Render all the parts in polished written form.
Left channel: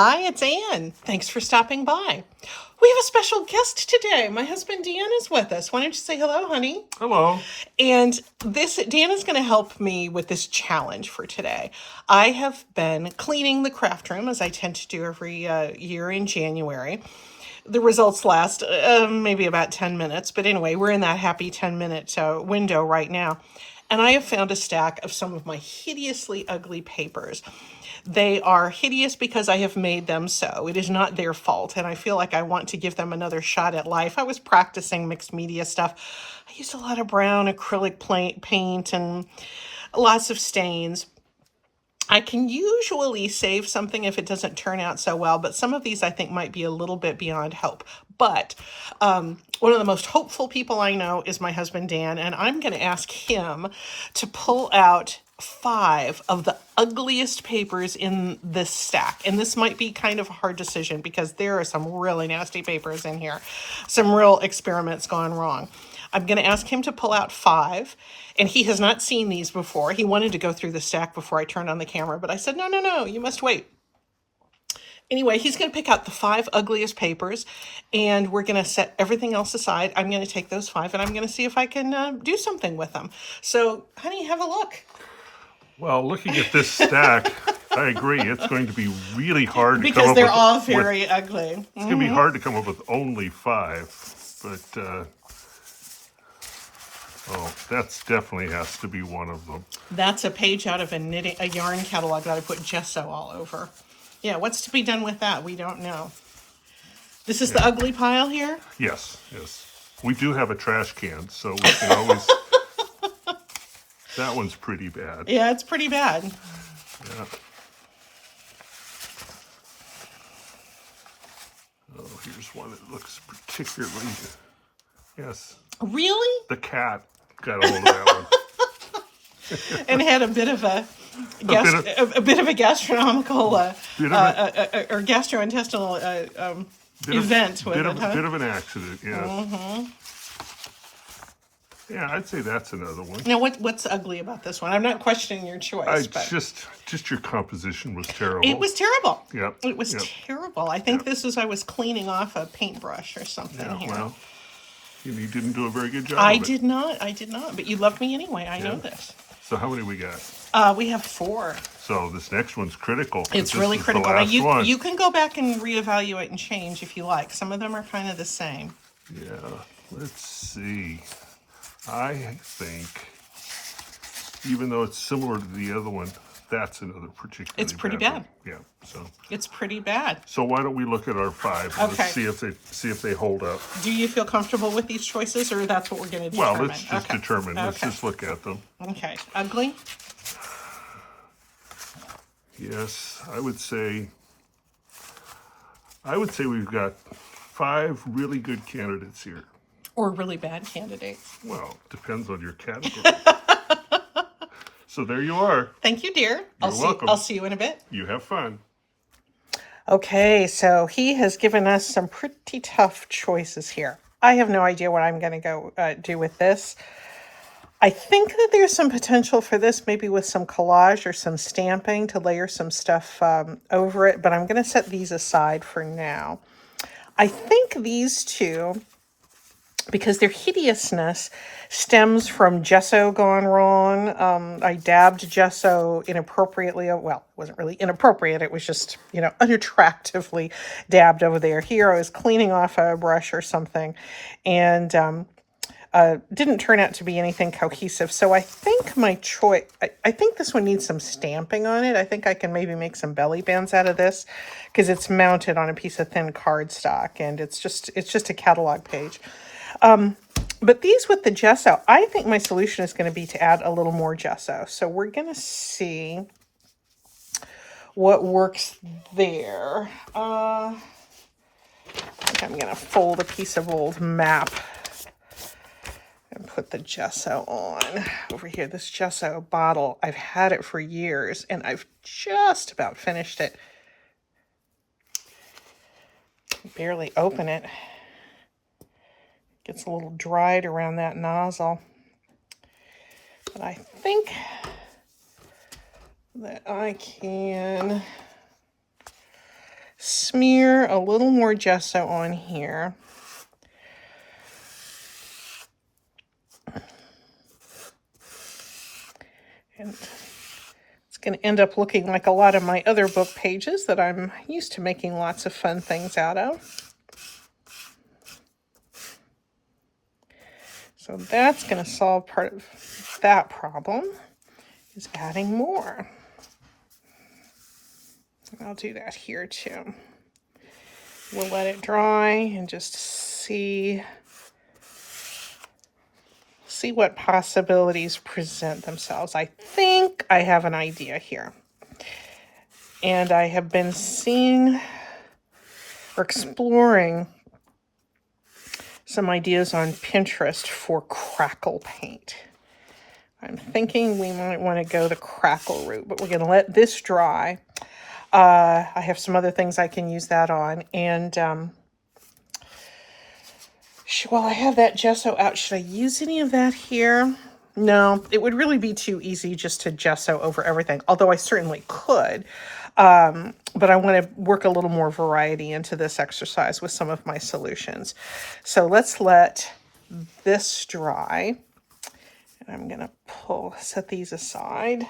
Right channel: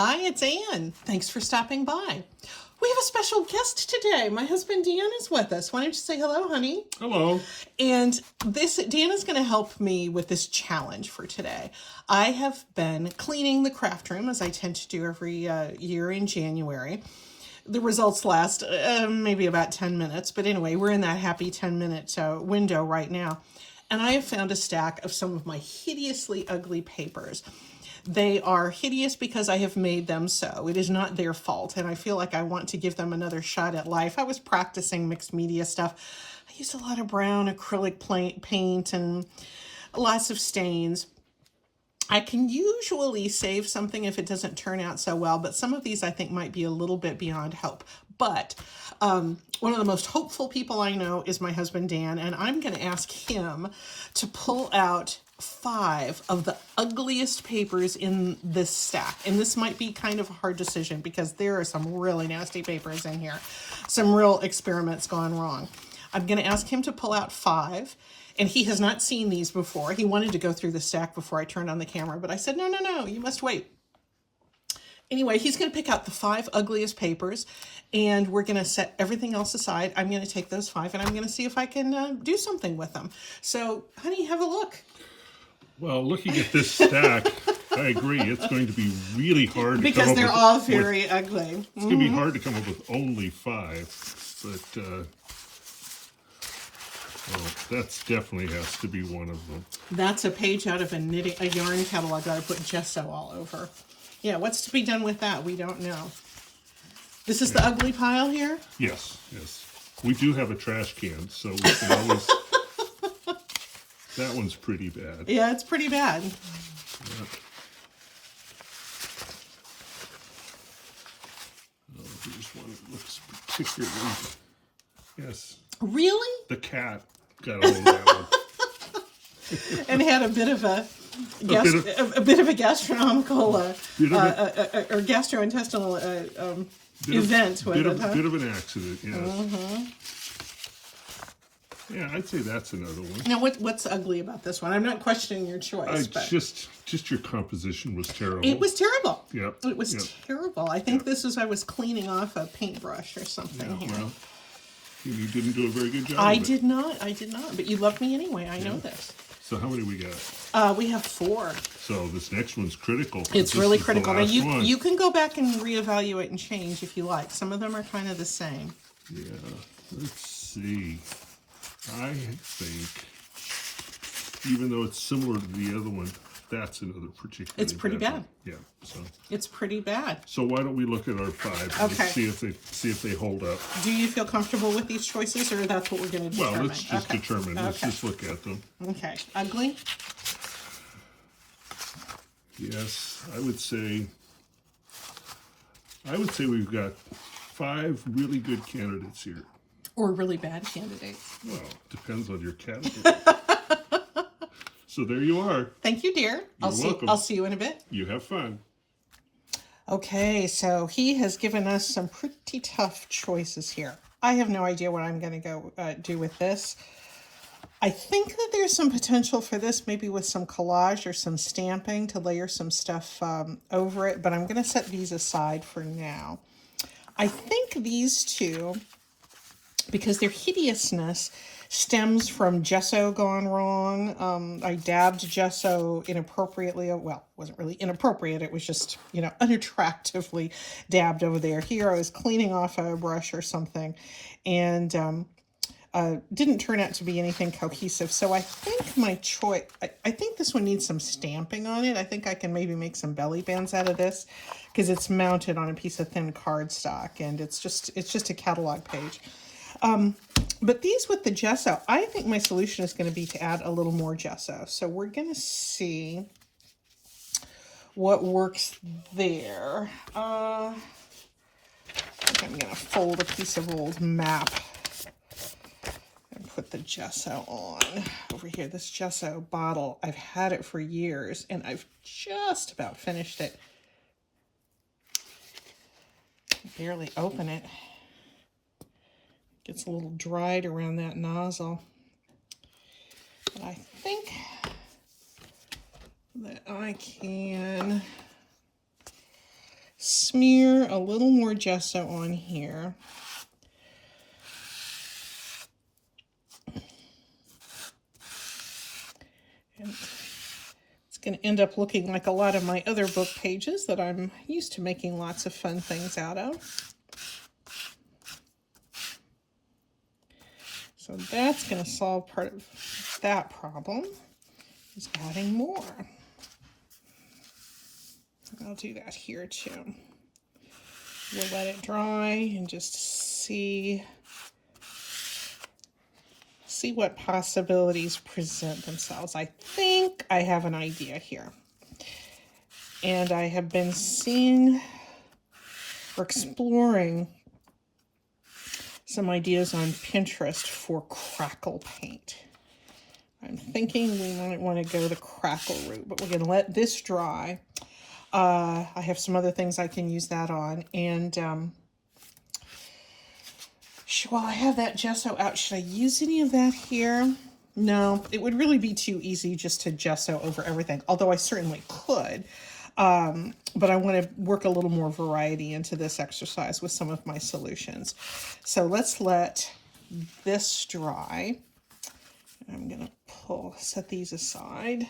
Hi, it's Anne. Thanks for stopping by. We have a special guest today. My husband Dan is with us. Why don't you say hello, honey? Hello. And Dan is going to help me with this challenge for today. I have been cleaning the craft room as I tend to do every year in January. The results last maybe about 10 minutes, but anyway, we're in that happy 10-minute window right now. And I have found a stack of some of my hideously ugly papers. They are hideous because I have made them so. It is not their fault, and I feel like I want to give them another shot at life. I was practicing mixed media stuff. I used a lot of brown acrylic paint and lots of stains. I can usually save something if it doesn't turn out so well, but some of these I think might be a little bit beyond hope. But one of the most hopeful people I know is my husband, Dan, and I'm going to ask him to pull out 5 of the ugliest papers in this stack. And this might be kind of a hard decision because there are some really nasty papers in here. Some real experiments gone wrong. I'm going to ask him to pull out 5. And he has not seen these before. He wanted to go through the stack before I turned on the camera, but I said, no, you must wait. Anyway, he's going to pick out the 5 ugliest papers, and we're going to set everything else aside. I'm going to take those 5, and I'm going to see if I can do something with them. So, honey, have a look. Well, looking at this stack, I agree. It's going to be really hard to come Because up they're with, all very ugly. It's going to be hard to come up with only 5, but that's definitely has to be one of them. That's a page out of a yarn catalog that I put gesso all over. Yeah, what's to be done with that? We don't know. This is the ugly pile here? Yes. We do have a trash can, so we can always... That one's pretty bad. Yeah, it's pretty bad. Yeah. Oh, here's one that looks particularly... Yes. Really? The cat got a hold of that one. And had a bit of a gastronomical or gastrointestinal event with it, huh? Bit of an accident, yes. Yeah, I'd say that's another one. Now, what's ugly about this one? I'm not questioning your choice. Just your composition was terrible. It was terrible. Yep. It was terrible. I think this is I was cleaning off a paintbrush or something here. Well, you didn't do a very good job. I did not. But you love me anyway. I know this. So how many we got? We have 4. So this next one's critical. It's really critical. Now One. you can go back and reevaluate and change if you like. Some of them are kind of the same. Yeah. Let's see. I think, even though it's similar to the other one, that's another particularly It's pretty bad. Yeah. So it's pretty bad. So why don't we look at our 5 and Okay. see if they hold up. Do you feel comfortable with these choices, or that's what we're going to determine? Well, let's just determine. Okay. Let's just look at them. Okay. Ugly? Yes, I would say we've got 5 really good candidates here. Or really bad candidate? Well, depends on your category. So there you are. Thank you, dear. You're welcome. I'll see you in a bit. You have fun. Okay, so he has given us some pretty tough choices here. I have no idea what I'm going to go do with this. I think that there's some potential for this, maybe with some collage or some stamping to layer some stuff over it, but I'm going to set these aside for now. I think these 2, because their hideousness stems from gesso gone wrong. I dabbed gesso inappropriately. Well, it wasn't really inappropriate. It was just, unattractively dabbed over there. Here I was cleaning off a brush or something, and didn't turn out to be anything cohesive. So I think my choice, I think this one needs some stamping on it. I think I can maybe make some belly bands out of this because it's mounted on a piece of thin cardstock, and it's just a catalog page. But these with the gesso, I think my solution is going to be to add a little more gesso. So we're going to see what works there. I think I'm going to fold a piece of old map and put the gesso on over here. This gesso bottle, I've had it for years, and I've just about finished it. Barely open it. Gets a little dried around that nozzle. But I think that I can smear a little more gesso on here. And it's going to end up looking like a lot of my other book pages that I'm used to making lots of fun things out of. So that's going to solve part of that problem, is adding more. I'll do that here too. We'll let it dry and just see what possibilities present themselves. I think I have an idea here. And I have been seeing or exploring some ideas on Pinterest for Crackle Paint. I'm thinking we might want to go the Crackle route, but we're going to let this dry. I have some other things I can use that on. And while I have that gesso out, should I use any of that here? No, it would really be too easy just to gesso over everything, although I certainly could. But I want to work a little more variety into this exercise with some of my solutions. So let's let this dry. And I'm going to set these aside.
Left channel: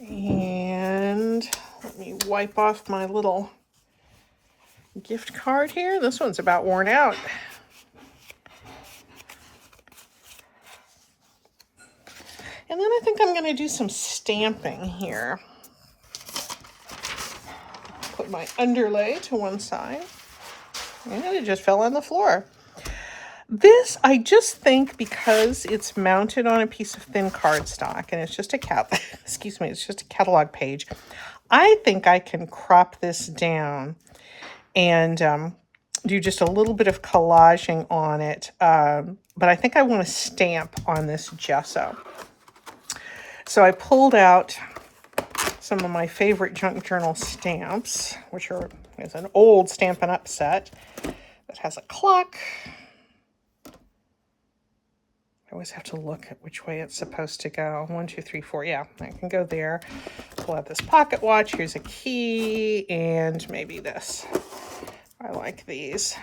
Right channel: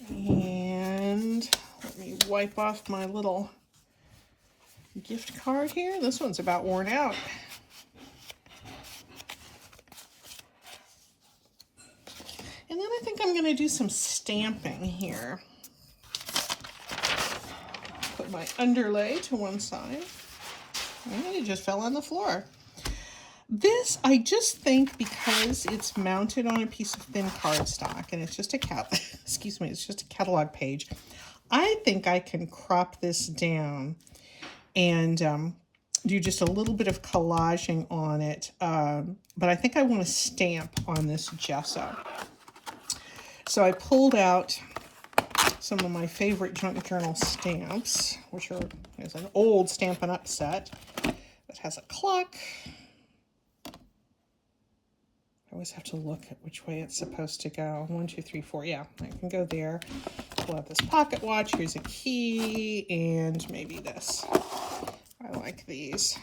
And let me wipe off my little gift card here. This one's about worn out. And then I think I'm going to do some stamping here. Put my underlay to one side. And it just fell on the floor. This, I just think, because it's mounted on a piece of thin cardstock and it's just a it's just a catalog page, I think I can crop this down and do just a little bit of collaging on it. But I think I want to stamp on this gesso. So I pulled out some of my favorite junk journal stamps, which is an old Stampin' Up set that has a clock. I always have to look at which way it's supposed to go. 1, 2, 3, 4. Yeah, I can go there. Pull out this pocket watch. Here's a key and maybe this. I like these.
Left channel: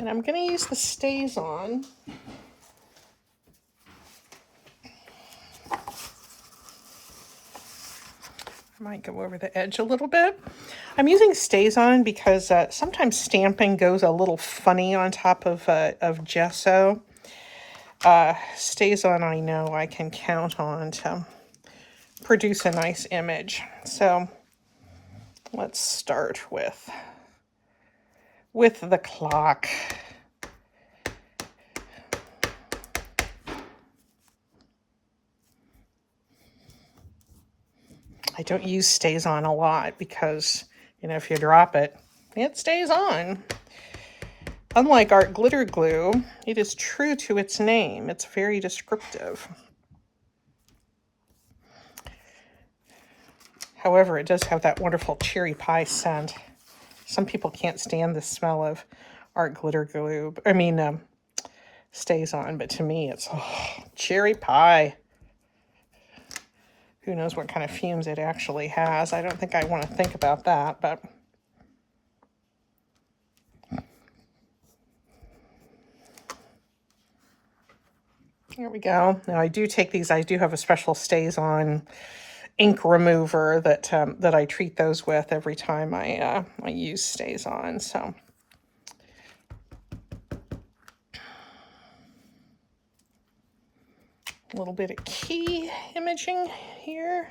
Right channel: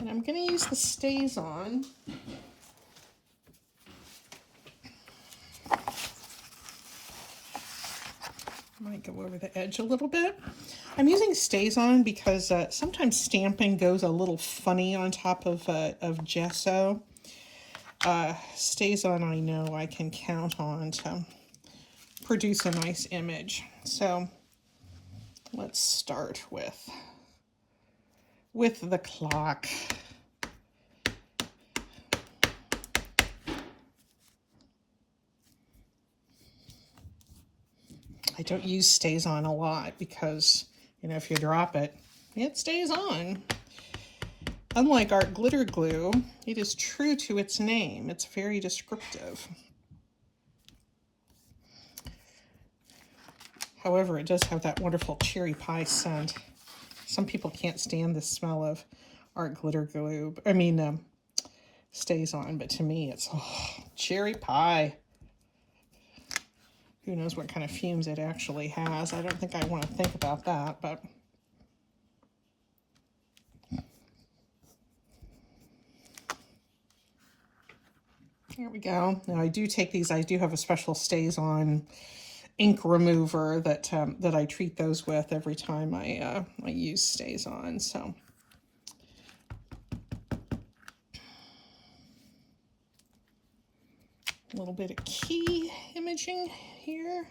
And I'm going to use the Stays On. Might go over the edge a little bit. I'm using Stays On because sometimes stamping goes a little funny on top of gesso. Stays On, I know I can count on to produce a nice image. So let's start with the clock. I don't use Stays On a lot because, you know, if you drop it, it stays on. Unlike art glitter glue, it is true to its name. It's very descriptive. However, it does have that wonderful cherry pie scent. Some people can't stand the smell of art glitter glue. Stays On, but to me, it's cherry pie. Who knows what kind of fumes it actually has. I don't think I want to think about that, but here we go. Now I do take these, I do have a special Stays On ink remover that I treat those with every time I use Stays On. So a little bit of key imaging here.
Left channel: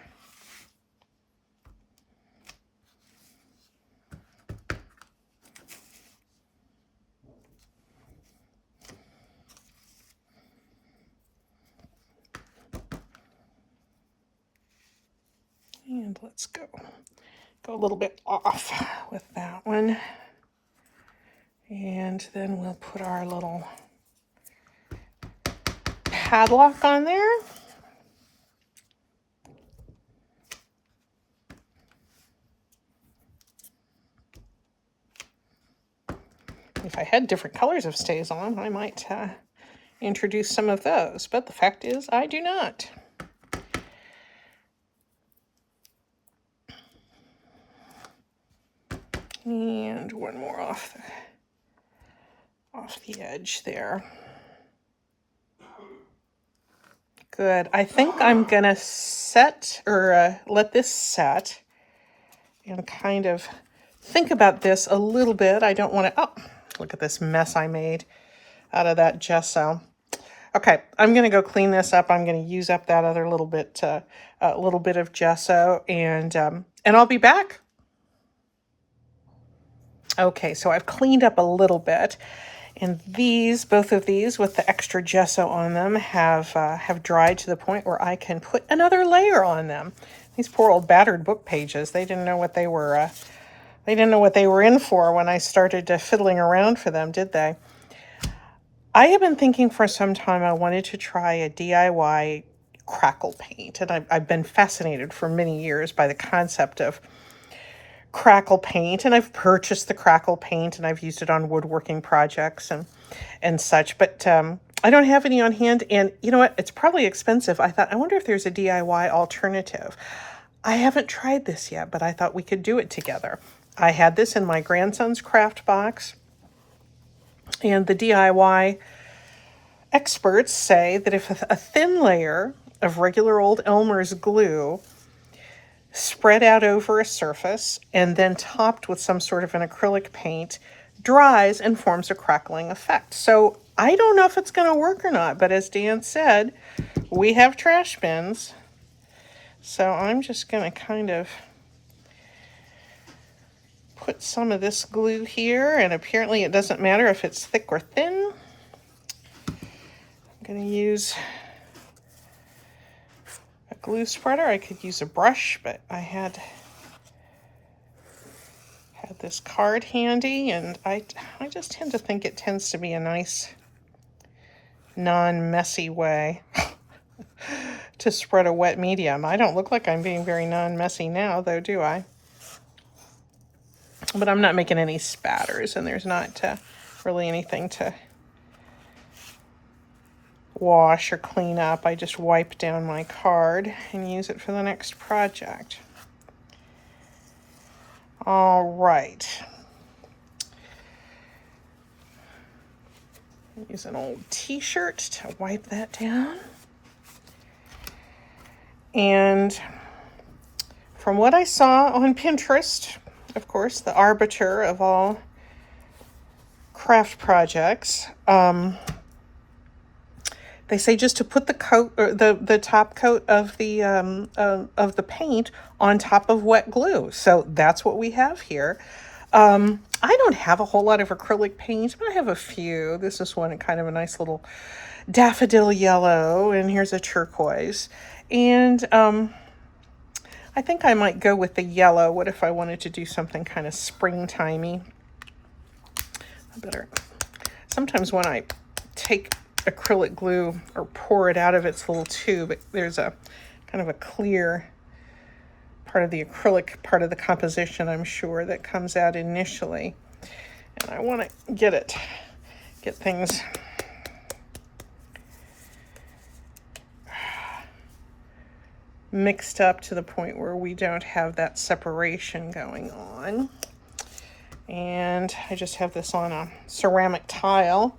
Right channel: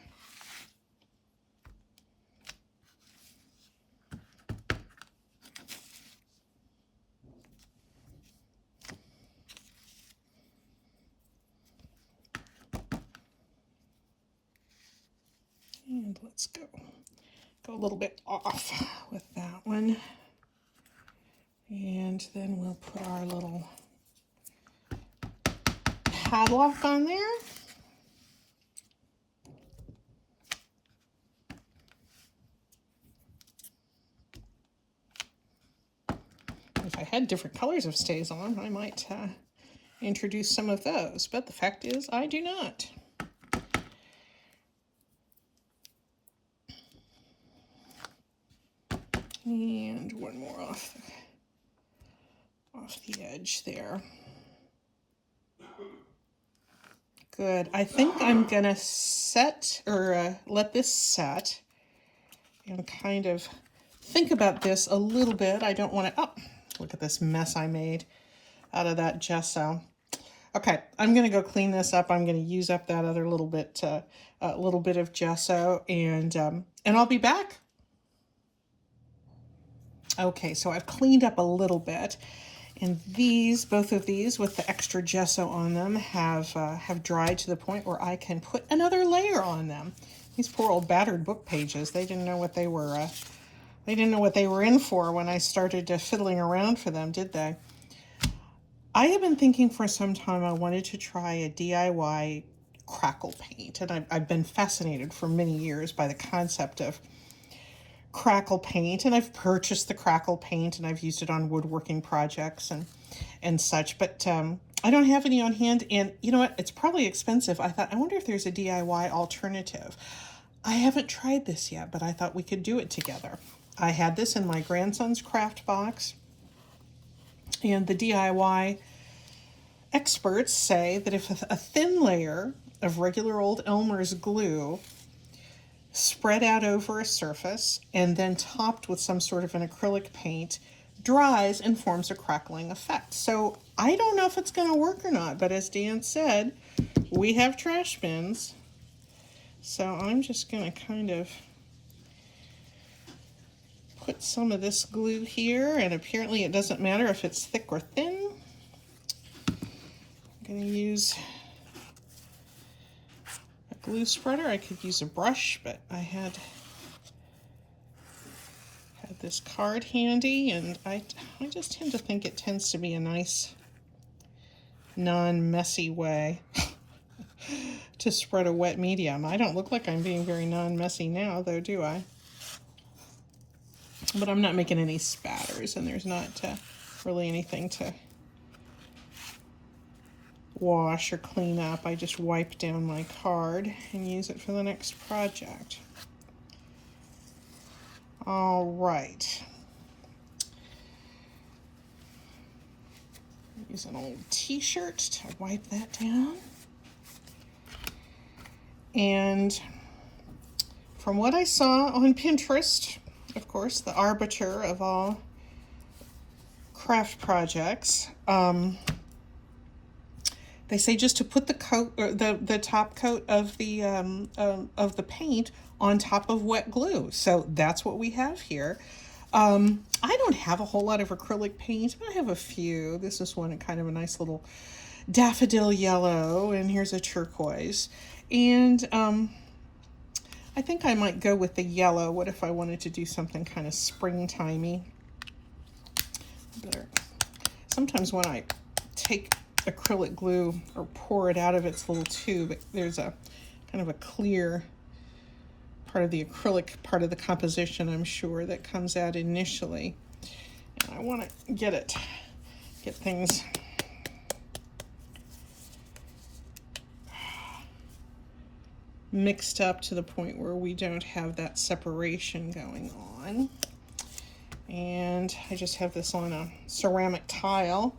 And let's go a little bit off with that one. And then we'll put our little padlock on there. If I had different colors of Stays On, I might introduce some of those, but the fact is I do not. And one more off the edge there. Good. I think I'm gonna set, or let this set, and kind of think about this a little bit. I don't want to, oh, look at this mess I made out of that gesso. Okay, I'm gonna go clean this up. I'm gonna use up that other little bit of gesso, and I'll be back. Okay, so I've cleaned up a little bit, and both of these with the extra gesso on them have dried to the point where I can put another layer on them. These poor old battered book pages, they didn't know what they were in for when I started fiddling around for them, did they? I have been thinking for some time I wanted to try a DIY Crackle Paint, and I've been fascinated for many years by the concept of Crackle Paint, and I've purchased the Crackle Paint and I've used it on woodworking projects and such, but I don't have any on hand, and you know what, it's probably expensive. I thought, I wonder if there's a DIY alternative. I haven't tried this yet, but I thought we could do it together. I had this in my grandson's craft box, and the DIY experts say that if a thin layer of regular old Elmer's glue spread out over a surface and then topped with some sort of an acrylic paint dries and forms a crackling effect. So I don't know if it's going to work or not, but as Dan said, we have trash bins. So I'm just going to kind of put some of this glue here, and apparently it doesn't matter if it's thick or thin. I'm going to use a glue spreader. I could use a brush, but I had this card handy, and I just tend to think it tends to be a nice non-messy way to spread a wet medium. I don't look like I'm being very non-messy now, though, do I? But I'm not making any spatters, and there's not really anything to wash or clean up. I just wipe down my card and use it for the next project. All right. Use an old t-shirt to wipe that down. And from what I saw on Pinterest, of course, the arbiter of all craft projects, they say just to put the coat, or the top coat of the paint on top of wet glue. So that's what we have here. I don't have a whole lot of acrylic paint, but I have a few. This is one, kind of a nice little daffodil yellow, and here's a turquoise. And I think I might go with the yellow. What if I wanted to do something kind of springtimey? Sometimes when I take acrylic glue or pour it out of its little tube, there's a kind of a clear part of the acrylic part of the composition, I'm sure, that comes out initially. And I want to get things mixed up to the point where we don't have that separation going on. And I just have this on a ceramic tile.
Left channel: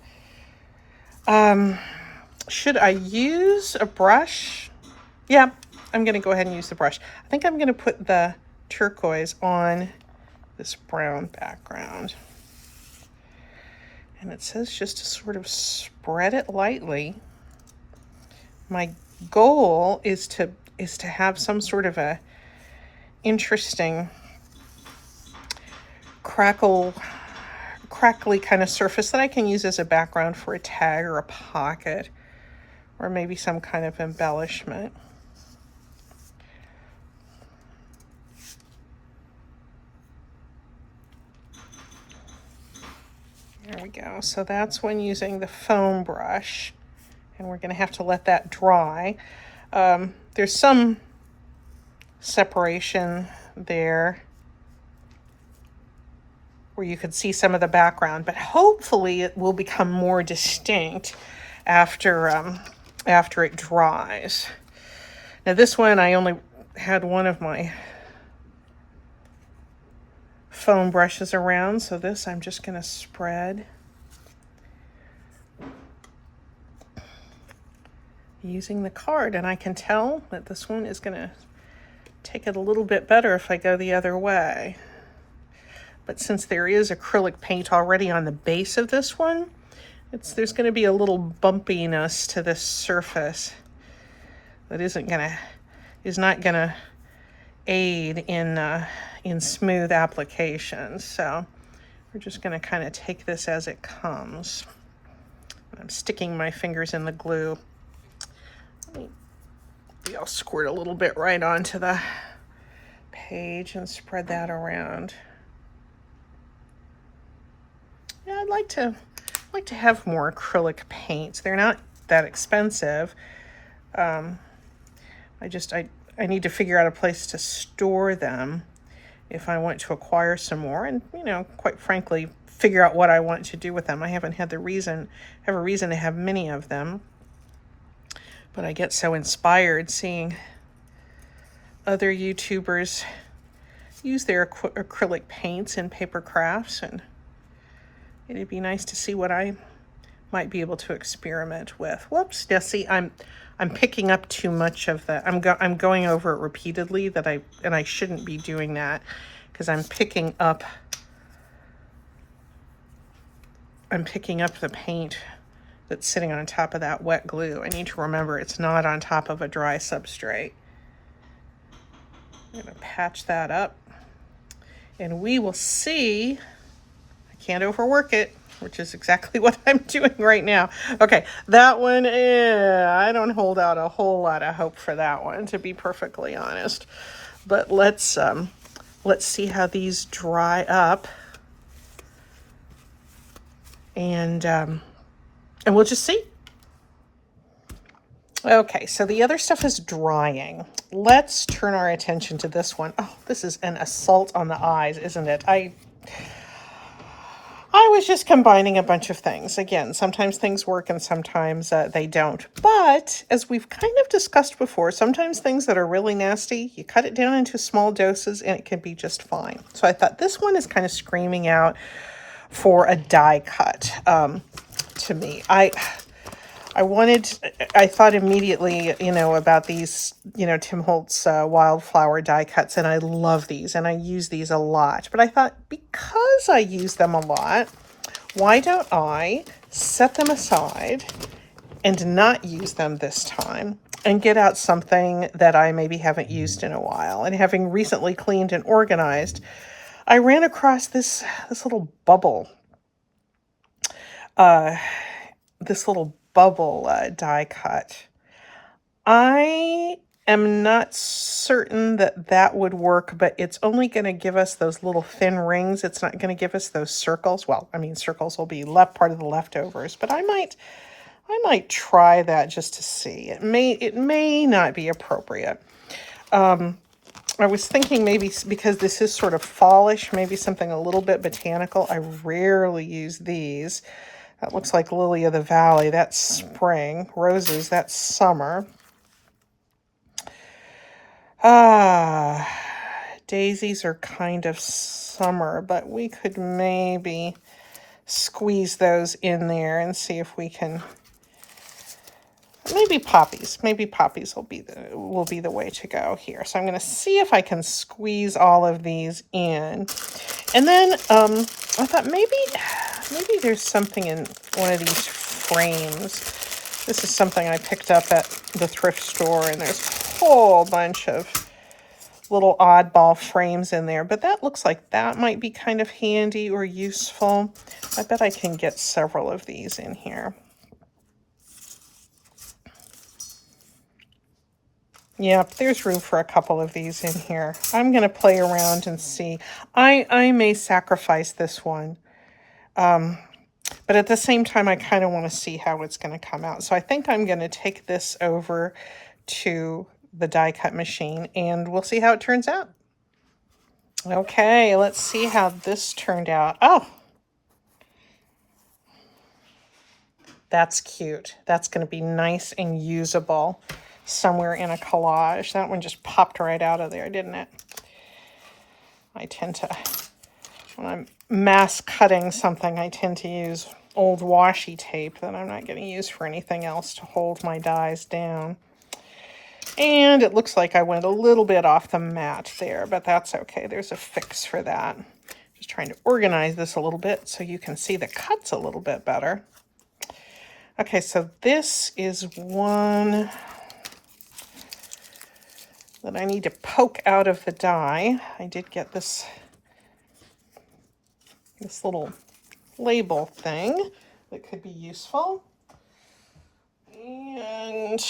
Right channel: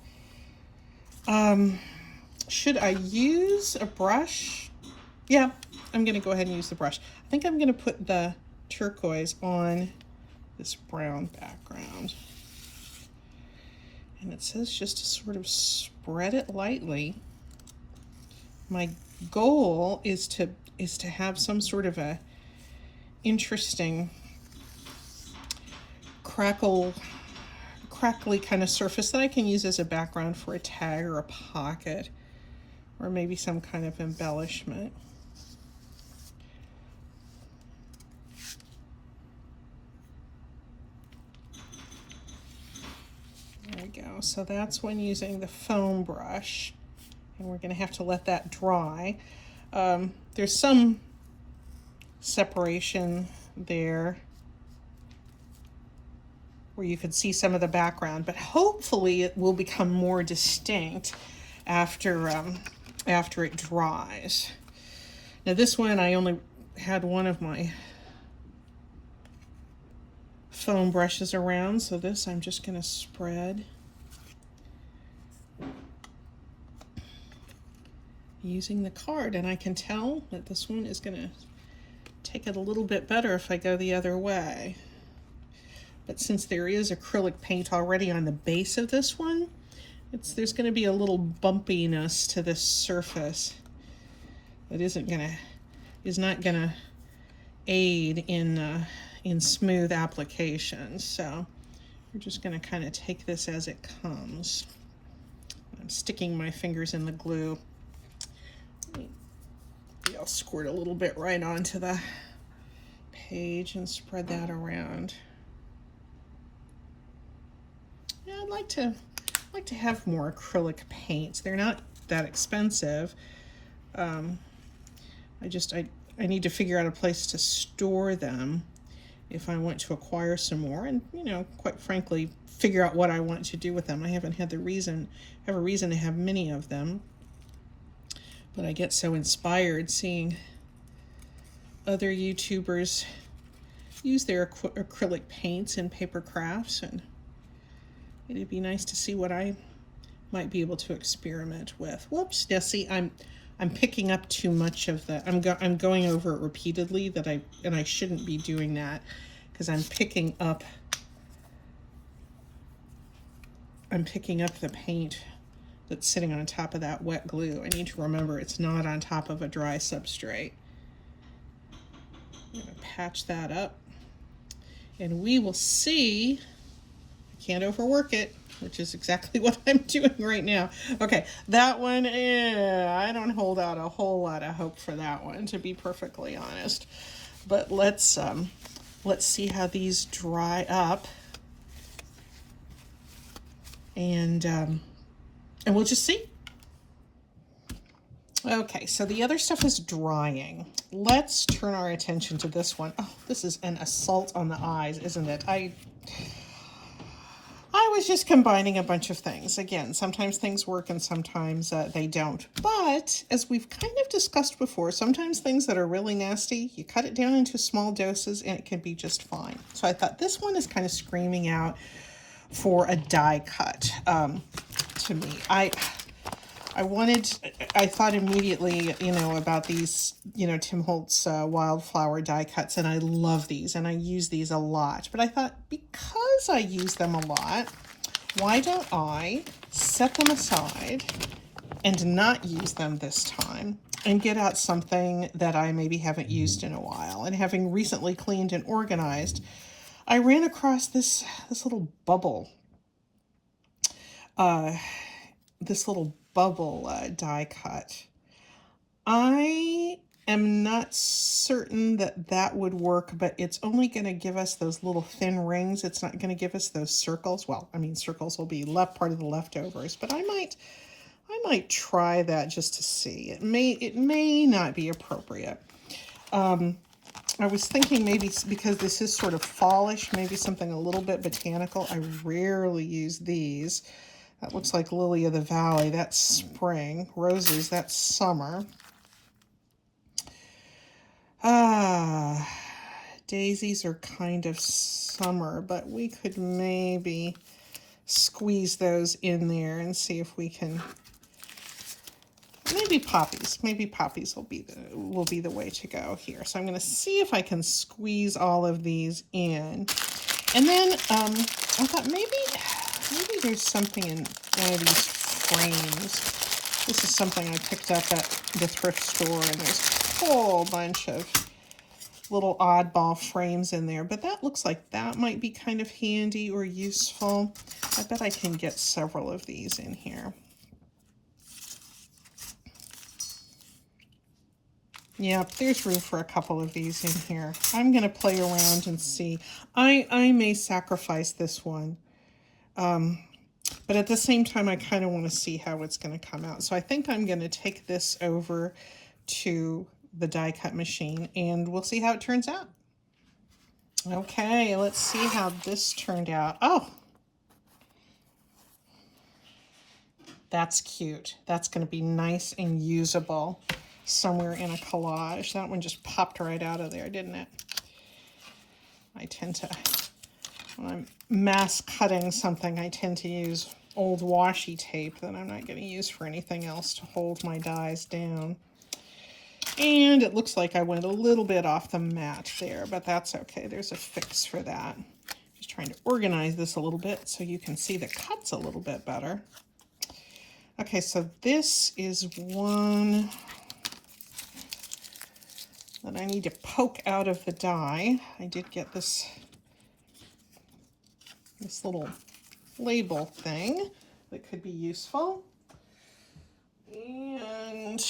Should I use a brush? Yeah, I'm going to go ahead and use the brush. I think I'm going to put the turquoise on this brown background. And it says just to sort of spread it lightly. My goal is to have some sort of a interesting crackly kind of surface that I can use as a background for a tag or a pocket, or maybe some kind of embellishment. There we go. So that's when using the foam brush, and we're going to have to let that dry. There's some separation there where you can see some of the background, but hopefully it will become more distinct after after it dries. Now this one, I only had one of my foam brushes around, so this I'm just going to spread using the card, and I can tell that this one is going to take it a little bit better if I go the other way. But since there is acrylic paint already on the base of this one, there's going to be a little bumpiness to this surface that is not going to aid in smooth application. So we're just going to kind of take this as it comes. I'm sticking my fingers in the glue. Maybe I'll squirt a little bit right onto the page and spread that around. Yeah, I'd like to have more acrylic paints. They're not that expensive. I need to figure out a place to store them if I want to acquire some more, and quite frankly, figure out what I want to do with them. I haven't had a reason to have many of them, but I get so inspired seeing other YouTubers use their acrylic paints in paper crafts, and it'd be nice to see what I might be able to experiment with. Whoops, yeah, see, I'm picking up too much of that. I'm going over it repeatedly and I shouldn't be doing that, because I'm picking up the paint that's sitting on top of that wet glue. I need to remember it's not on top of a dry substrate. I'm going to patch that up, and we will see. I can't overwork it, which is exactly what I'm doing right now. Okay, that one, I don't hold out a whole lot of hope for that one, to be perfectly honest. But let's see how these dry up, and we'll just see. Okay, so the other stuff is drying. Let's turn our attention to this one. Oh, this is an assault on the eyes, isn't it? I was just combining a bunch of things. Again, sometimes things work and sometimes they don't. But as we've kind of discussed before, sometimes things that are really nasty, you cut it down into small doses and it can be just fine. So I thought this one is kind of screaming out for a die cut to me. I thought immediately, about these, Tim Holtz wildflower die cuts, and I love these, and I use these a lot. But I thought, because I use them a lot, why don't I set them aside and not use them this time, and get out something that I maybe haven't used in a while? And having recently cleaned and organized, I ran across this little bubble. Die cut. I am not certain that would work, but it's only going to give us those little thin rings. It's not going to give us those circles. Well, I mean, circles will be part of the leftovers, but I might try that just to see. It may not be appropriate. I was thinking maybe because this is sort of fallish, maybe something a little bit botanical. I rarely use these. That looks like Lily of the Valley. That's spring. Roses, that's summer. Daisies are kind of summer, but we could maybe squeeze those in there and see if we can. Maybe poppies. Maybe poppies will be the way to go here. So I'm going to see if I can squeeze all of these in. And then I thought maybe there's something in one of these frames. This is something I picked up at the thrift store, and there's a whole bunch of little oddball frames in there, but that looks like that might be kind of handy or useful. I bet I can get several of these in here. Yep, there's room for a couple of these in here. I'm going to play around and see. I may sacrifice this one. But at the same time, I kind of want to see how it's going to come out. So I think I'm going to take this over to the die cut machine, and we'll see how it turns out. Okay, let's see how this turned out. Oh, That's cute. That's going to be nice and usable somewhere in a collage. That one just popped right out of there, didn't it? I tend to, when I'm mass cutting something, I tend to use old washi tape that I'm not going to use for anything else to hold my dies down. And it looks like I went a little bit off the mat there, but that's okay. There's a fix for that. Just trying to organize this a little bit so you can see the cuts a little bit better. Okay, so this is one that I need to poke out of the die. I did get this little label thing that could be useful. And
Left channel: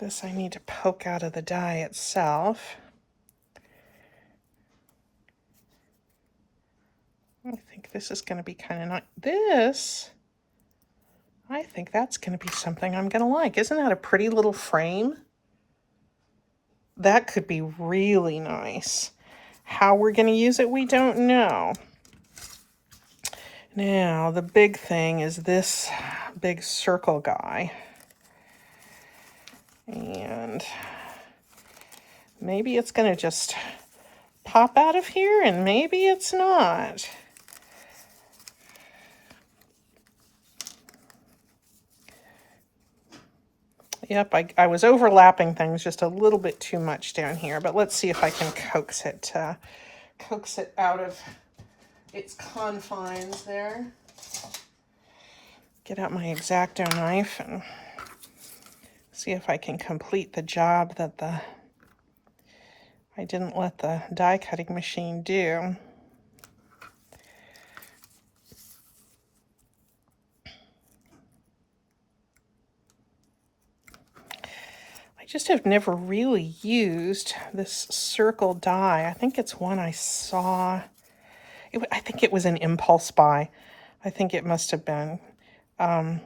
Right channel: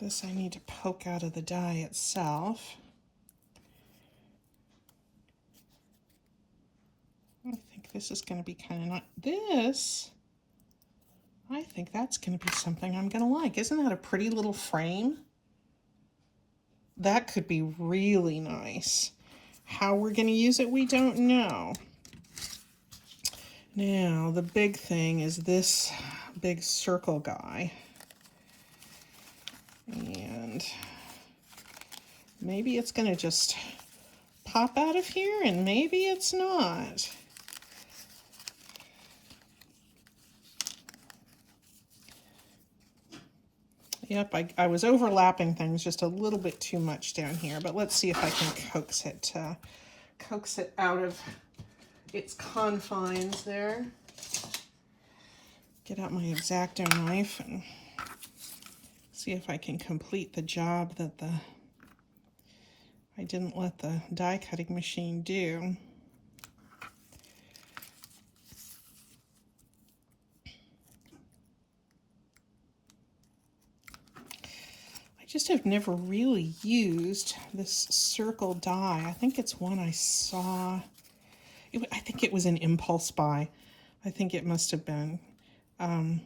this I need to poke out of the die itself. I think this is going to be kind of nice. This, I think that's going to be something I'm going to like. Isn't that a pretty little frame? That could be really nice. How we're going to use it, we don't know. Now, the big thing is this big circle guy. And maybe it's going to just pop out of here, and maybe it's not. Yep, I was overlapping things just a little bit too much down here, but let's see if I can coax it out of its confines there. Get out my X-Acto knife and see if I can complete the job that I didn't let the die cutting machine do. I just have never really used this circle die. I think it's one I saw. I think it was an impulse buy. I think it must have been. I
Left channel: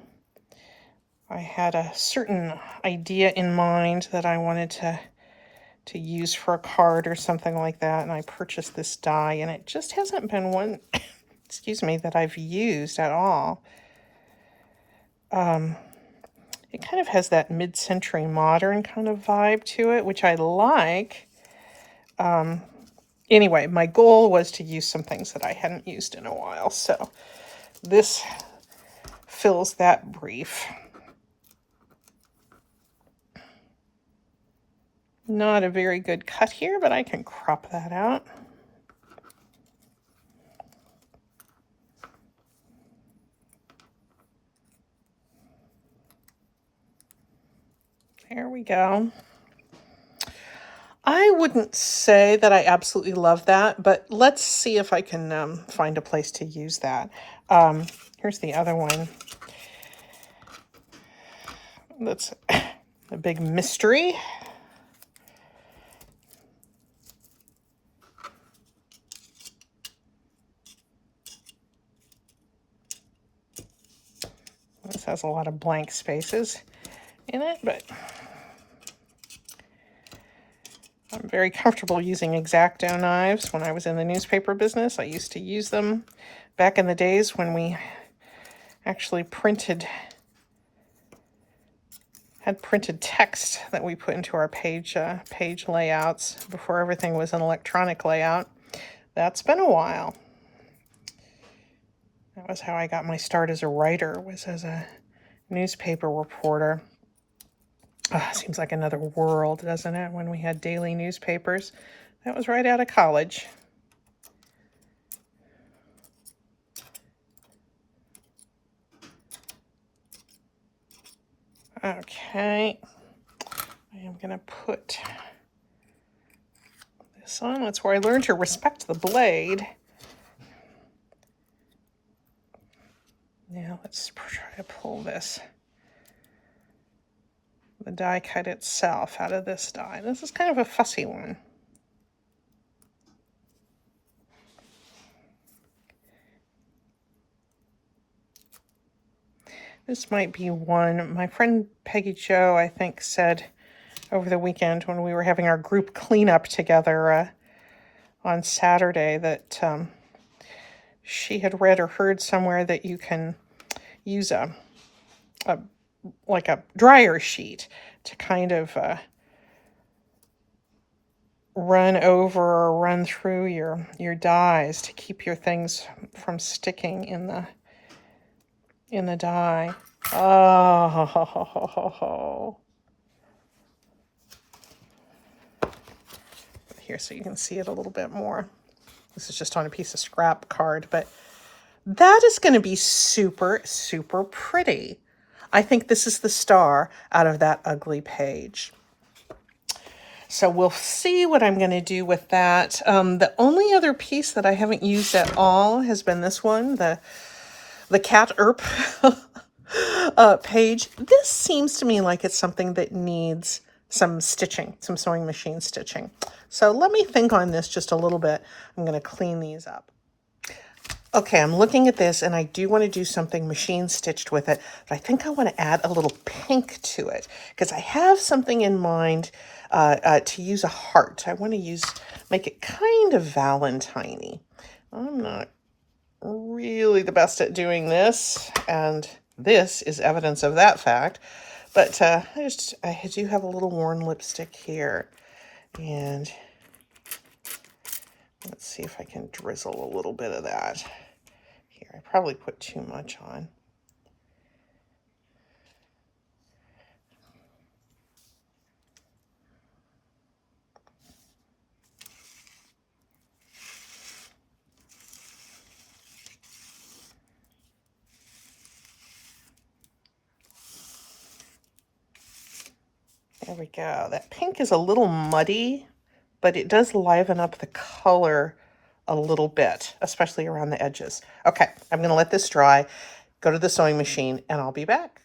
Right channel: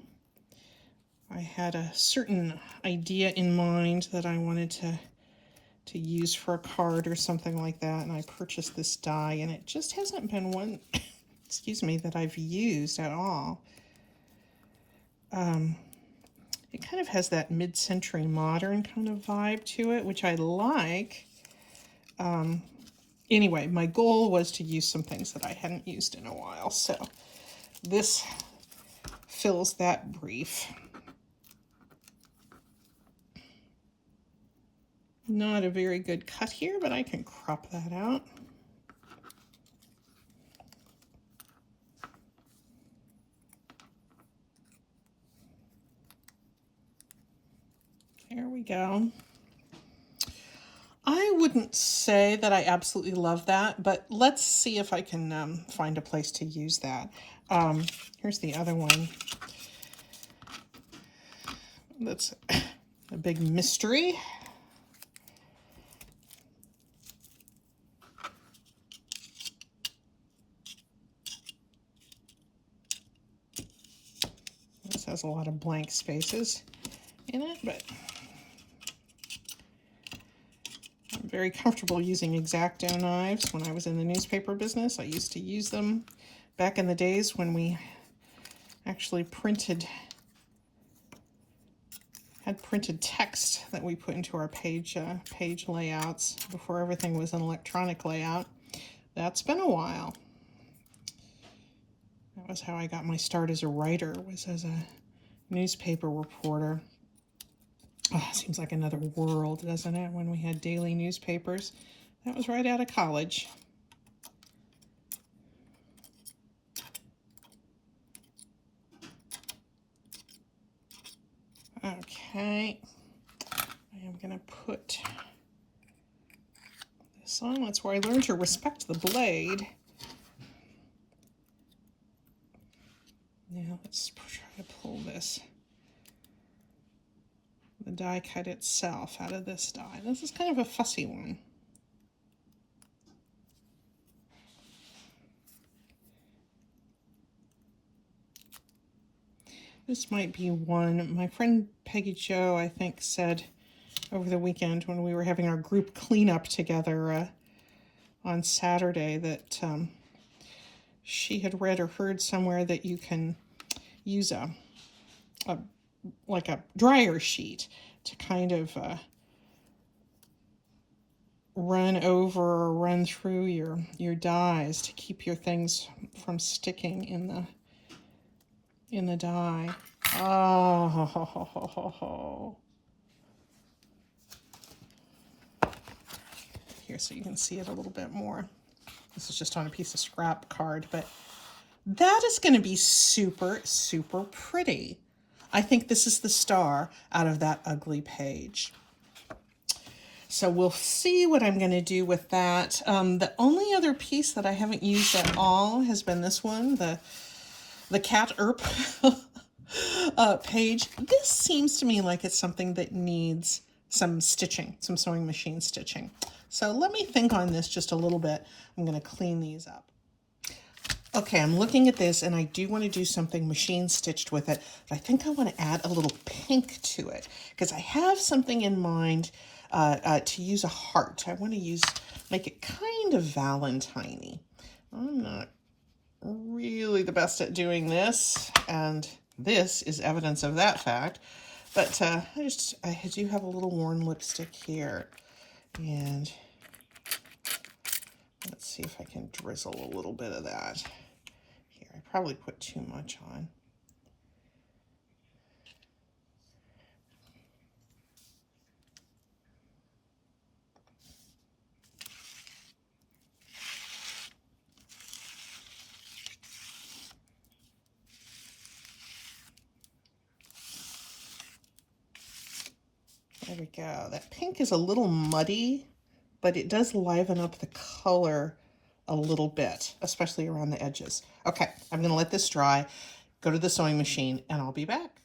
had a certain idea in mind that I wanted to use for a card or something like that, and I purchased this die, and it just hasn't been one, excuse me, that I've used at all. It kind of has that mid-century modern kind of vibe to it, which I like. Anyway, my goal was to use some things that I hadn't used in a while, so this fills that brief. Not a very good cut here, but I can crop that out. There we go. I wouldn't say that I absolutely love that, but let's see if I can find a place to use that. Here's the other one. That's a big mystery. This has a lot of blank spaces in it, but I'm very comfortable using X-Acto knives. When I was in the newspaper business, I used to use them back in the days when we actually had printed text that we put into our page layouts before everything was an electronic layout. That's been a while. That was how I got my start as a writer, was as a newspaper reporter. Seems like another world, doesn't it, when we had daily newspapers. That was right out of college. Okay, I am going to put this on. That's where I learned to respect the blade. Now let's try to pull the die cut itself out of this die. This is kind of a fussy one. This might be one. My friend Peggy Jo, I think, said over the weekend when we were having our group cleanup together on Saturday that she had read or heard somewhere that you can use a like a dryer sheet to kind of run over or run through your dyes to keep your things from sticking in the dye. Oh, here so you can see it a little bit more. This is just on a piece of scrap card, but that is going to be super, super pretty. I think this is the star out of that ugly page. So we'll see what I'm going to do with that. The only other piece that I haven't used at all has been this one, the cat erp page. This seems to me like it's something that needs some stitching, some sewing machine stitching. So let me think on this just a little bit. I'm going to clean these up. Okay, I'm looking at this and I do want to do something machine stitched with it, but I think I want to add a little pink to it because I have something in mind to use a heart. I want to make it kind of Valentine-y. I'm not really the best at doing this, and this is evidence of that fact. But I do have a little worn lipstick here, and let's see if I can drizzle a little bit of that. Here, I probably put too much on. There we go. That pink is a little muddy, but it does liven up the color a little bit, especially around the edges. Okay, I'm going to let this dry, go to the sewing machine, and I'll be back.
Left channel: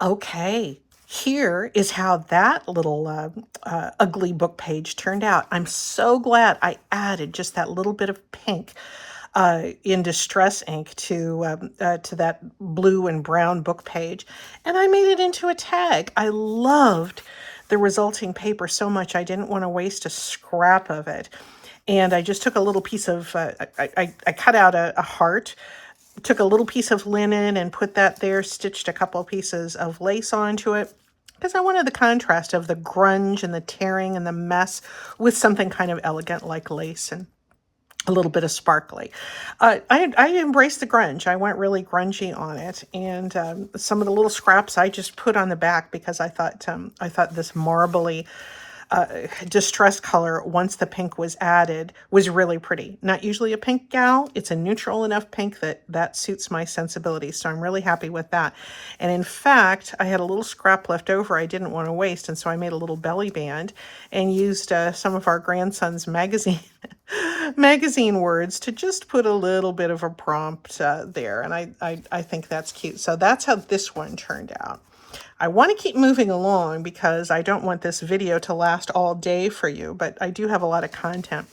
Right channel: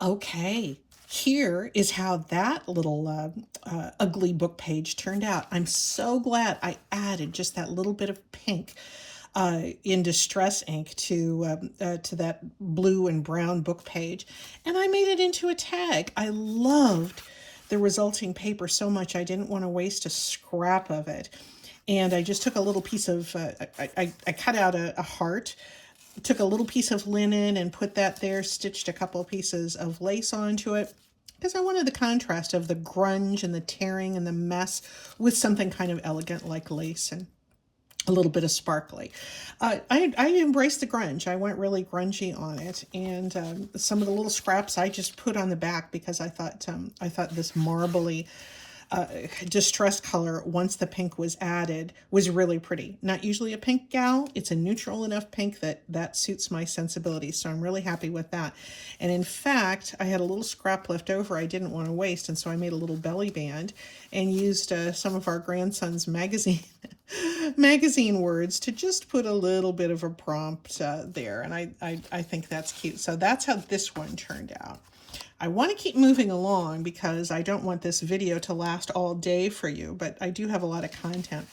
Okay, here is how that little ugly book page turned out. I'm so glad I added just that little bit of pink in distress ink to that blue and brown book page, and I made it into a tag. I loved the resulting paper so much I didn't want to waste a scrap of it, and I just took a little piece of I cut out a heart, took a little piece of linen and put that there, stitched a couple of pieces of lace onto it because I wanted the contrast of the grunge and the tearing and the mess with something kind of elegant like lace and a little bit of sparkly. I embraced the grunge. I went really grungy on it, and some of the little scraps I just put on the back because I thought this marbly distress color, once the pink was added, was really pretty. Not usually a pink gal. It's a neutral enough pink that suits my sensibility, so I'm really happy with that. And in fact, I had a little scrap left over I didn't want to waste, and so I made a little belly band and used some of our grandson's magazine words to just put a little bit of a prompt there, and I think that's cute. So that's how this one turned out. I want to keep moving along because I don't want this video to last all day for you, but I do have a lot of content.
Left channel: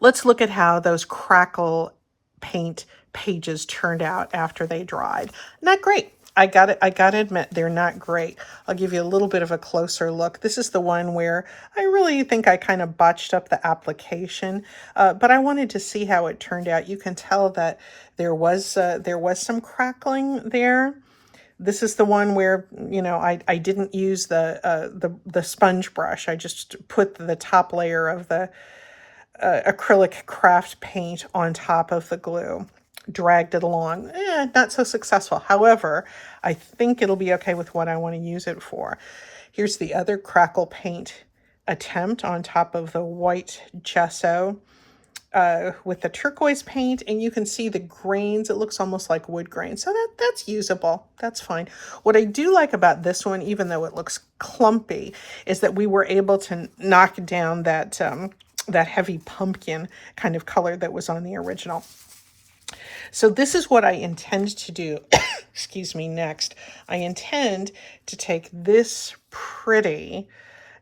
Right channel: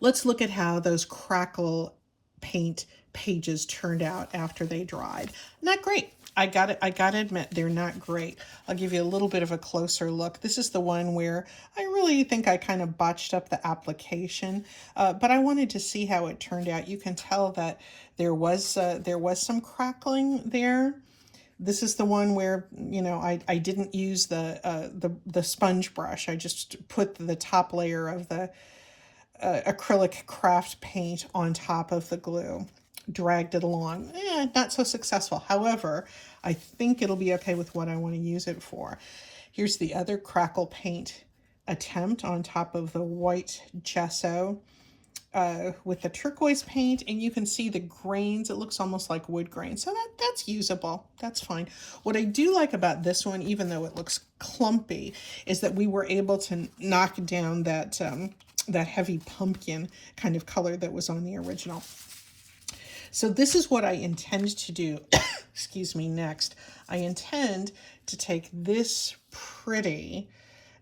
Let's look at how those Crackle Paint pages turned out after they dried. Not great. I gotta admit, they're not great. I'll give you a little bit of a closer look. This is the one where I really think I kind of botched up the application, but I wanted to see how it turned out. You can tell that there was some crackling there. This is the one where, you know, I didn't use the sponge brush. I just put the top layer of the acrylic craft paint on top of the glue. Dragged it along. Not so successful. However, I think it'll be okay with what I want to use it for. Here's the other Crackle Paint attempt on top of the white gesso with the turquoise paint, and you can see the grains. It looks almost like wood grain, so that's usable. That's fine. What I do like about this one, even though it looks clumpy, is that we were able to knock down that heavy pumpkin kind of color that was on the original. So this is what I intend to do, excuse me, next. I intend to take this pretty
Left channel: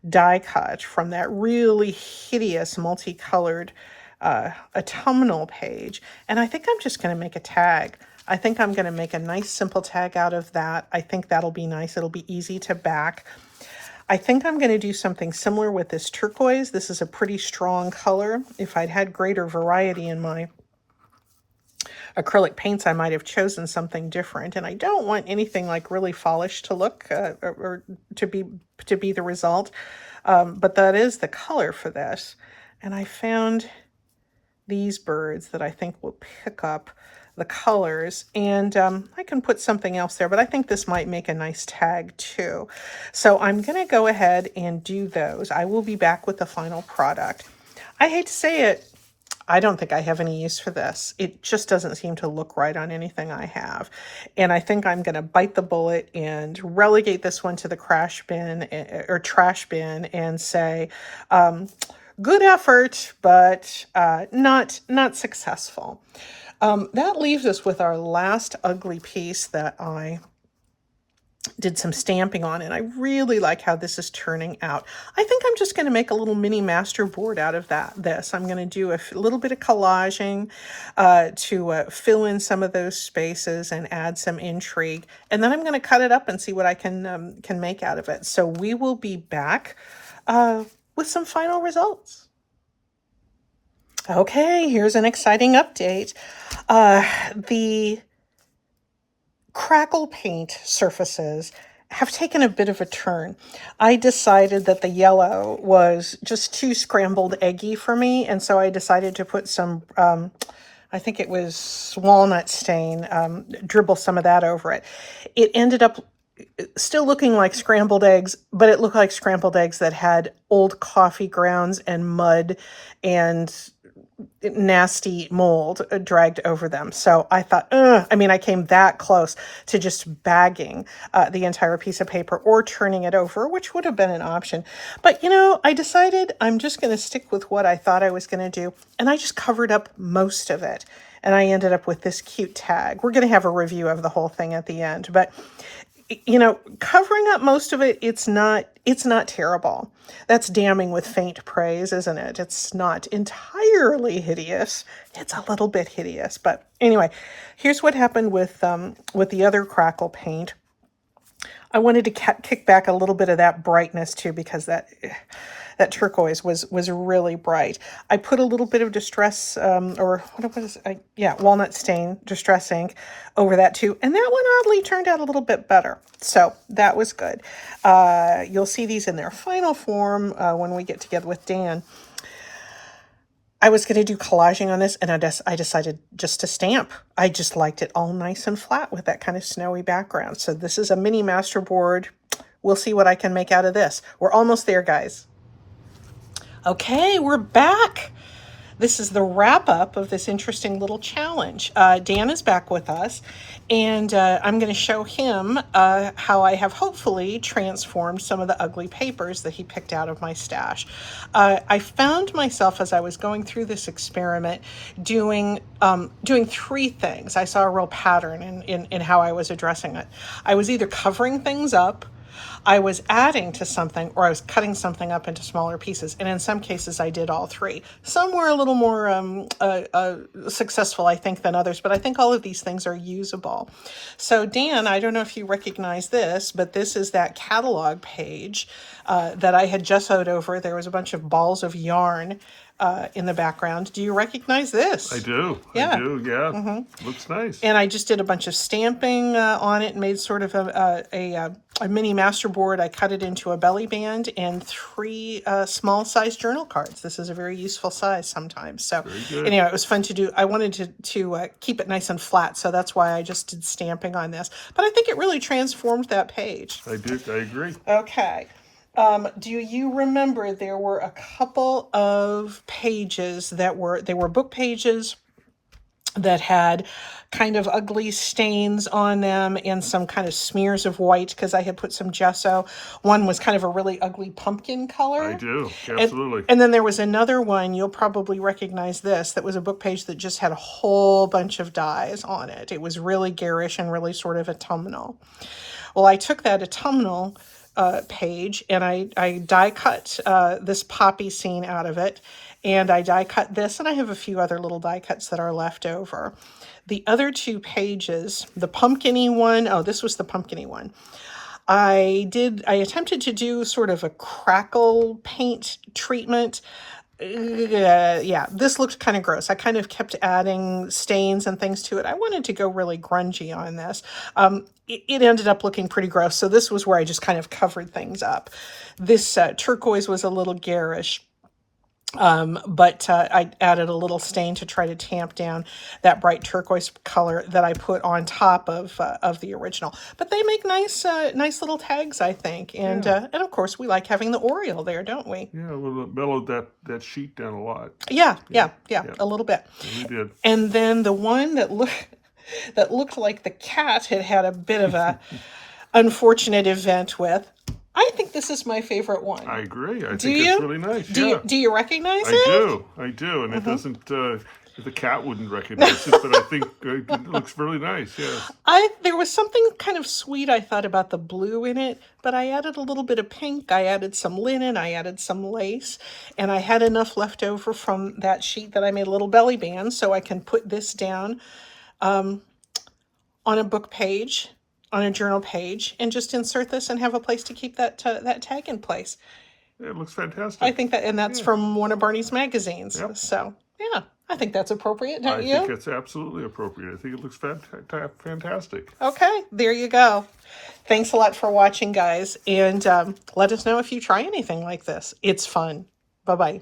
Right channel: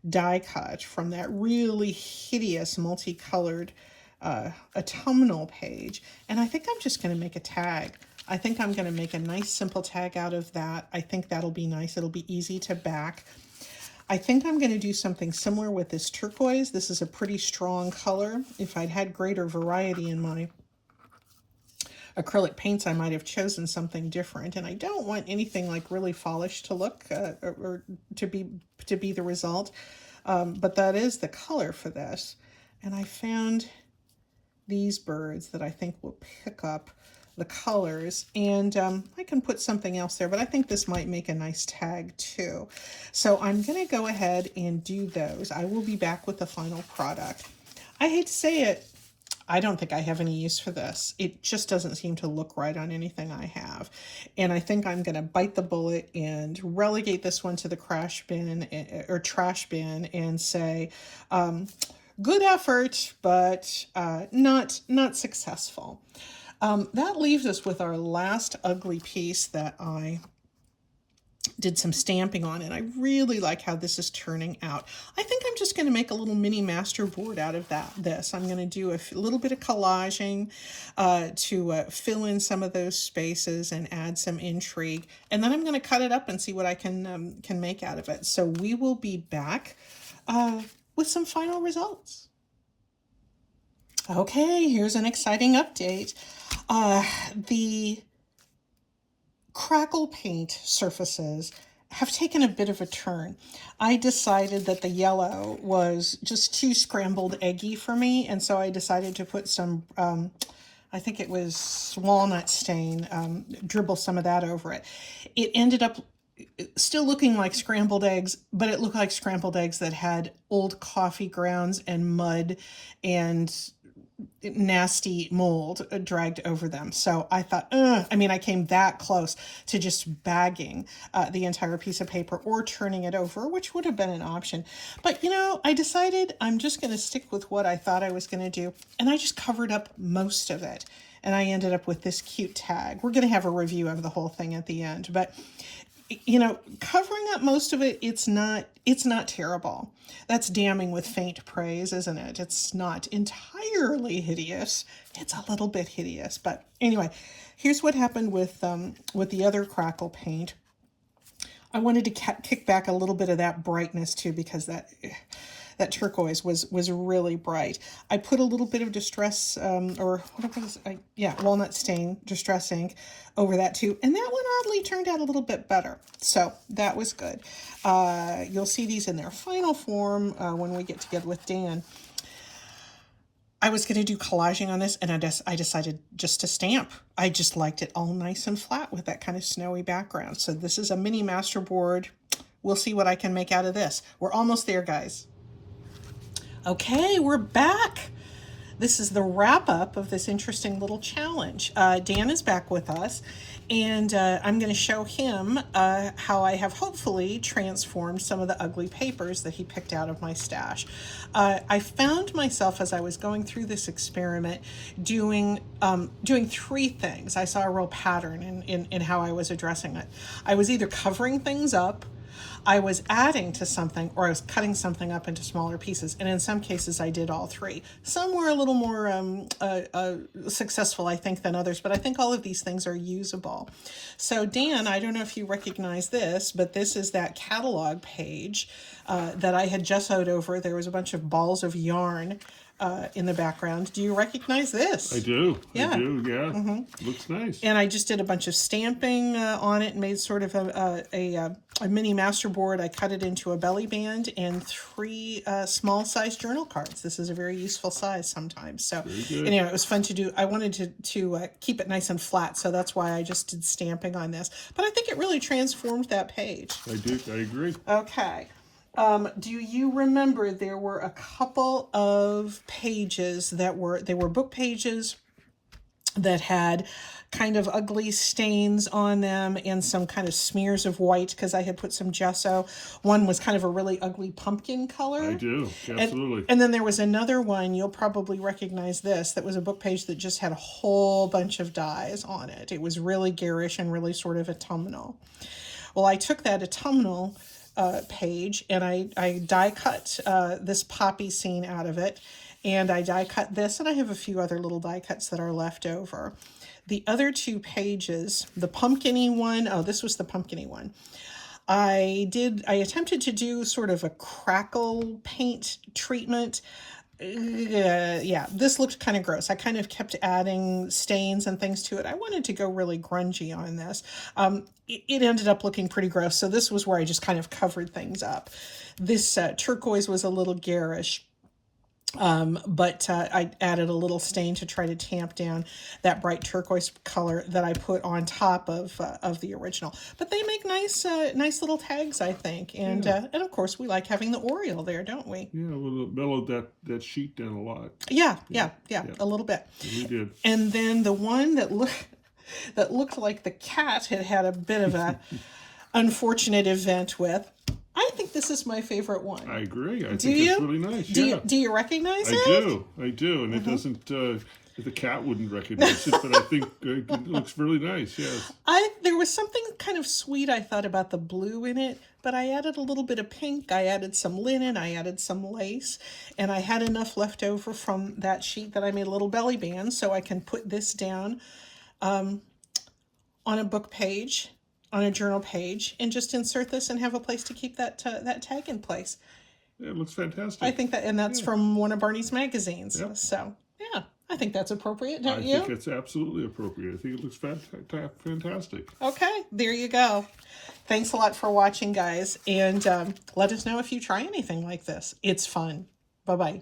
die cut from that really hideous multicolored autumnal page, and I think I'm just going to make a tag. I think I'm going to make a nice simple tag out of that. I think that'll be nice. It'll be easy to back. I think I'm going to do something similar with this turquoise. This is a pretty strong color. If I'd had greater variety in my acrylic paints, I might have chosen something different. And I don't want anything like really polished to look or to be the result. But that is the color for this. And I found these birds that I think will pick up the colors, and I can put something else there, but I think this might make a nice tag too. So I'm going to go ahead and do those. I will be back with the final product. I hate to say it, I don't think I have any use for this. It just doesn't seem to look right on anything I have. And I think I'm going to bite the bullet and relegate this one to the trash bin and say, good effort, but not successful. That leaves us with our last ugly piece that I did some stamping on, and I really like how this is turning out. I think I'm just going to make a little mini master board out of this. I'm going to do a little bit of collaging to fill in some of those spaces and add some intrigue, and then I'm going to cut it up and see what I can make out of it. So we will be back with some final results. Okay, here's an exciting update. The Crackle Paint surfaces have taken a bit of a turn. I decided that the yellow was just too scrambled eggy for me, and so I decided to put some, I think it was walnut stain, dribble some of that over it. It ended up still looking like scrambled eggs, but it looked like scrambled eggs that had old coffee grounds and mud and nasty mold dragged over them. So I thought, I came that close to just bagging the entire piece of paper or turning it over, which would have been an option. But, I decided I'm just going to stick with what I thought I was going to do. And I just covered up most of it. And I ended up with this cute tag. We're going to have a review of the whole thing at the end. But covering up most of it, it's not terrible. That's damning with faint praise, isn't it? It's not entirely hideous. It's a little bit hideous. But anyway, here's what happened with the other Crackle Paint. I wanted to kick back a little bit of that brightness too, because that turquoise was really bright. I put a little bit of distress, walnut stain, distress ink over that too. And that one oddly turned out a little bit better. So that was good. You'll see these in their final form when we get together with Dan. I was going to do collaging on this, and I decided just to stamp. I just liked it all nice and flat with that kind of snowy background. So this is a mini master board. We'll see what I can make out of this. We're almost there, guys. Okay, we're back. This is the wrap up of this interesting little challenge. Dan is back with us, and I'm going to show him how I have hopefully transformed some of the ugly papers that he picked out of my stash. I found myself, as I was going through this experiment, doing three things. I saw a real pattern in how I was addressing it. I was either covering things up, I was adding to something, or I was cutting something up into smaller pieces. And in some cases, I did all three. Some were a little more successful, I think, than others, but I think all of these things are usable. So Dan, I don't know if you recognize this, but this is that catalog page that I had gessoed over. There was a bunch of balls of yarn in the background. Do you recognize this? I do. Yeah. I do, yeah. Mm-hmm. Looks nice. And I just did a bunch of stamping on it and made sort of a mini master board. I cut it into a belly band and 3 small size journal cards. This is a very useful size sometimes. So anyway, it was fun to do. I wanted to keep it nice and flat, so that's why I just did stamping on this. But I think it really transformed that page. I agree. Okay. Do you remember there were a couple of pages they were book pages that had kind of ugly stains on them and some kind of smears of white because I had put some gesso. One was kind of a really ugly pumpkin color. I do, absolutely. And then there was another one, you'll probably recognize this, that was a book page that just had a whole bunch of dyes on it. It was really garish and really sort of autumnal. Well, I took that autumnal page and I die cut this poppy scene out of it, and I die cut this, and I have a few other little die cuts that are left over. The other 2 pages, the pumpkin-y one, this was the pumpkin-y one. I attempted to do sort of a crackle paint treatment yeah, this looked kind of gross. I kind of kept adding stains and things to it. I wanted to go really grungy on this. It ended up looking pretty gross, so this was where I just kind of covered things up. This turquoise was a little garish. But I added a little stain to try to tamp down that bright turquoise color that I put on top of the original. But they make nice little tags, I think, and of course we like having the Oriole there, don't we? Yeah, a little bit mellowed that sheet down a lot. Yeah, a little bit. We did. And then the one that looked like the cat had a bit of a unfortunate event with. I think this is my favorite one. I agree. I think it's really nice. Do you recognize it? I do. And it doesn't, the cat wouldn't recognize it, but I think it looks really nice, yes. There was something kind of sweet I thought about the blue in it, but I added a little bit of pink. I added some linen. I added some lace. And I had enough left over from that sheet that I made a little belly band so I can put this down on a book page, on a journal page, and just insert this and have a place to keep that tag in place. Yeah, it looks fantastic. I think that, and that's from one of Barney's magazines. Yep. So, yeah, I think that's appropriate, don't you? I think it's absolutely appropriate. I think it looks fantastic. Okay, there you go. Thanks a lot for watching, guys, and let us know if you try anything like this. It's fun. Bye-bye.